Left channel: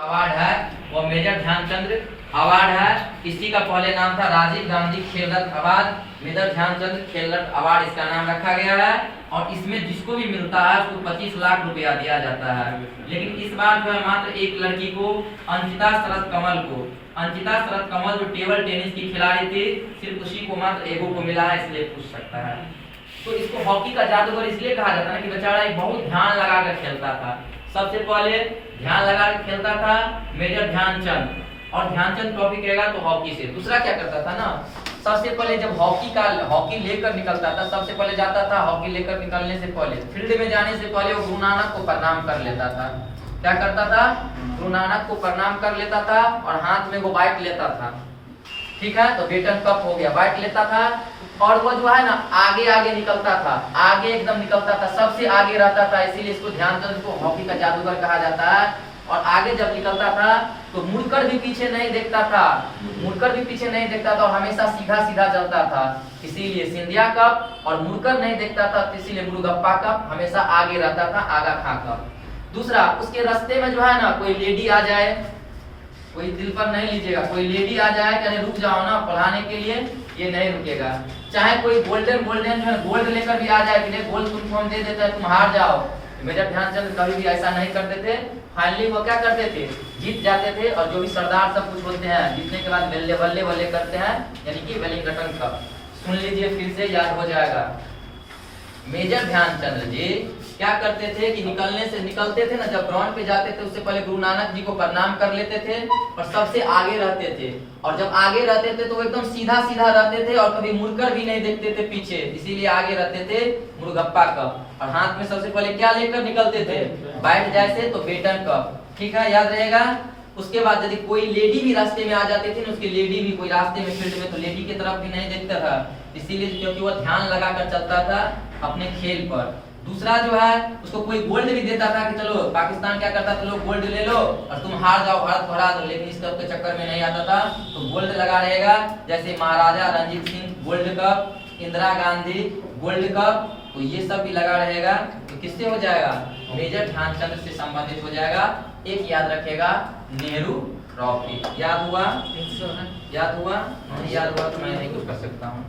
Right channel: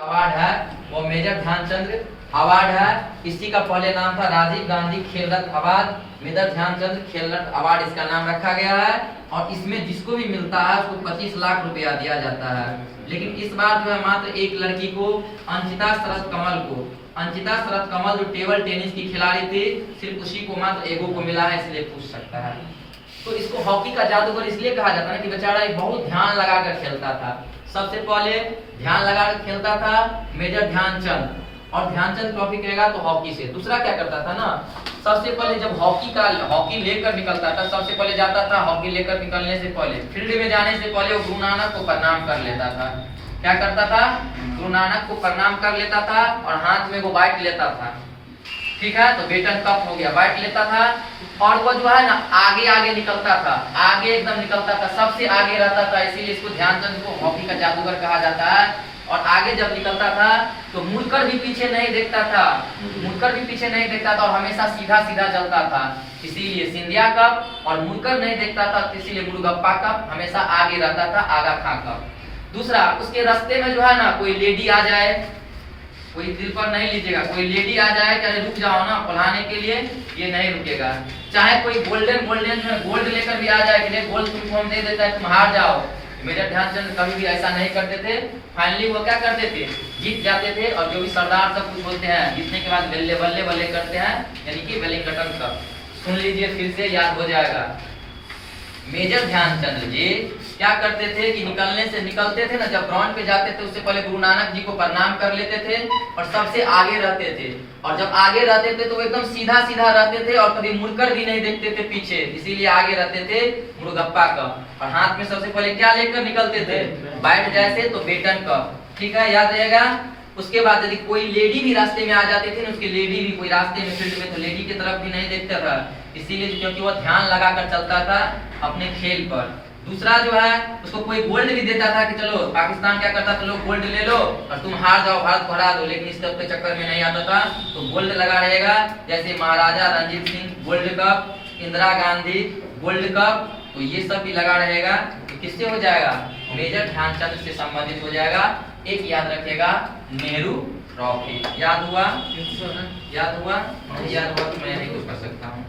Award है वो major Dhyanchand award है। इसी का पहले नाम था राजीव गांधी खेल रत्न अवार्ड। मेजर ध्यानचंद खेल रत्न अवार्ड इसका नाम रखा गया है और इसमें जिसको भी मिलता है उसको 25 लाख रुपया दिया जाता है। लेकिन इस बार जो है मात्र एक लड़की को, अंकिता शरद कमल जो टेबल टेनिस की खिलाड़ी थी, सिर्फ उसी को मात्र एगो को मिला है, इसलिए पूछ सकता है। तो इसको हॉकी का जादूगर इसलिए कहा जाता है कि बेचारा बहुत ध्यान लगाकर खेलता था। सबसे पहले ध्यान लगा के खेलता था मेजर ध्यानचंद, और ध्यानचंद ट्रॉफी कहेगा तो हॉकी से। दूसरा क्या करता था ना, सबसे पहले जब हॉकी लेकर निकलता था, सबसे पहले जाता था हॉकी लेकर निकलने से पहले, फील्ड में जाने से पहले वो गुरु नानक को प्रणाम कर लेता था। क्या करता था? गुरु नानक को प्रणाम कर लेता था और हाथ में वो बाइट लेता था। ठीक है, तो बेटन कप हो गया, बाइट लेता था और वो जो है ना आगे निकलता था, आगे एकदम निकलता था, सबसे आगे रहता था, इसीलिए इसको ध्यानचंद को हॉकी का जादूगर कहा जाता है। और आगे जब निकलता था तो मुड़कर भी पीछे नहीं देखता था, और हमेशा सीधा चलता था, इसीलिए सिंधिया कप। और मुड़कर नहीं देखता था, इसीलिए मुरुगप्पा कप, हमेशा आगे रहता था, आगा खा कप। दूसरा, उसके रास्ते में जो है ना कोई लेडी आ जाए, कोई दिल पर नहीं लीजिएगा, कोई लेडी आ जाए कहे रुक जाओ ना पढ़ाने के लिए, ये नहीं रुकेगा। चाहे कोई गोल्डन में गोल्ड लेकर भी आ जाए कि नहीं गोल्ड तुमको हम दे देते हैं, तुम हार जाओ, मेजर ध्यानचंद कभी भी ऐसा नहीं करते थे। फाइनली वो क्या करते थे, जीत जाते थे। और जो भी सरदार सब कुछ बोलते हैं, जीतने के बाद बल्ले बल्ले बल्ले करते हैं, यानी कि वेलिंगटन कप। सुन लीजिए, फिर से याद हो जाएगा। मेजर ध्यानचंद जी क्या करते थे कि निकलते थे ना, जब ग्राउंड पे जाते थे उससे पहले गुरु नानक जी को प्रणाम कर लेते थे और सबसे आगे रहते थे। और जब आगे रहते थे तो वो एकदम सीधा रहते थे और कभी मुड़कर भी नहीं देखते थे पीछे, इसीलिए आगे रहते थे मुरुगप्पा कप। और हाथ में सबसे पहले क्या लेकर निकलते थे, बैठ जैसे तो बेटन कप। ठीक है, याद रहेगा। उसके बाद यदि कोई लेडी भी रास्ते में आ जाती थी ना, उसकी लेडी भी कोई रास्ते में फील्ड में, तो लेडी की तरफ भी नहीं देखता था, इसीलिए क्योंकि वो ध्यान लगाकर चलता था अपने खेल पर। दूसरा जो है उसको कोई गोल्ड भी देता था कि चलो पाकिस्तान क्या करता था, लोग गोल्ड ले लो और तुम हार जाओ, भारत को हरा दो, लेकिन इस सब के चक्कर में नहीं आता था। तो गोल्ड लगा रहेगा, जैसे Maharaja Ranjit Singh gold cup, Indira Gandhi gold cup, तो ये सब भी लगा रहेगा। तो किससे हो जाएगा, मेजर ध्यानचंद से संबंधित हो जाएगा। एक याद रखेगा, नेहरू ट्रॉफी। याद हुआ? नहीं याद हुआ तो मैं नहीं कुछ कर सकता हूँ।